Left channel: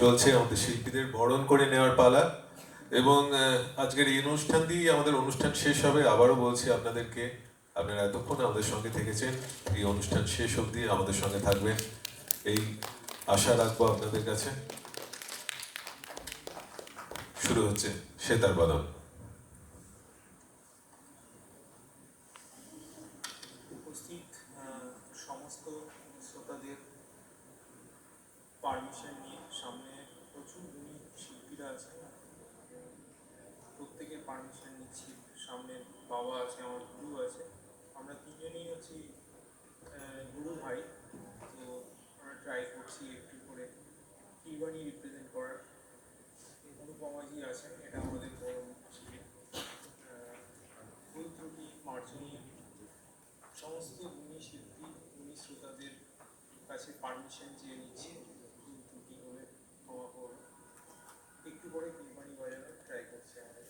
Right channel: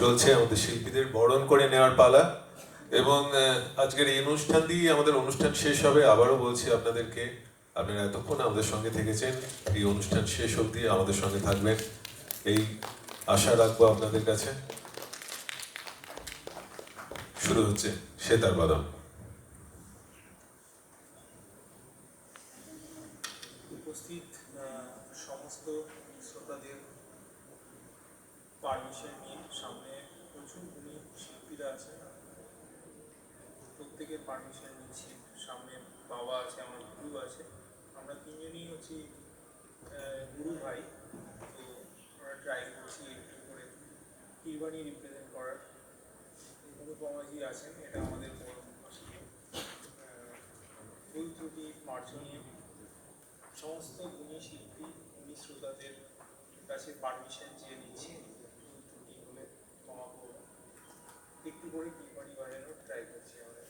চলছে আমাদের শিল্পীদের বরণ করে নেওয়ার পালা। এবং আজকের এই অনুষ্ঠান দিয়ে আমাদের অনুষ্ঠান শেষ হবে। আবারও বলছি আপনাদেরকে, আপনারা এতক্ষণ আমাদের সঙ্গে থেকেছেন, এই অনুষ্ঠান শেষ অবধি আমাদের সঙ্গে থাকবেন। এই আশা রাখব আপনাদের কাছে। শুরু হচ্ছে সেতার বাদাম। উপস্থিত সমস্ত শ্রোতাদের পারমিশন নিয়ে সামনে প্রচুর গুণী শিল্পীরা আছেন প্রত্যেকের পারমিশন নিচ্ছি, সামনে বাবা আছে, আমার গুরু আছে। আমরা তিনজনই হচ্ছি গুরু ভাই। তো আমরা ট্রাই করছি একটু করে কিরবানি রিপ্রেজেন্ট করার। অনুপমাজি আছেন, এটা আমাদের বড় মুশকিল। ভুল ত্রুটি মার্জনীয় সমস্ত গুণী শিল্পী, গুণী শ্রোতাদের কাছে পারমিশন চেয়ে নিচ্ছি। করে বিপণী বাজানোর ট্রাই করছি আমরা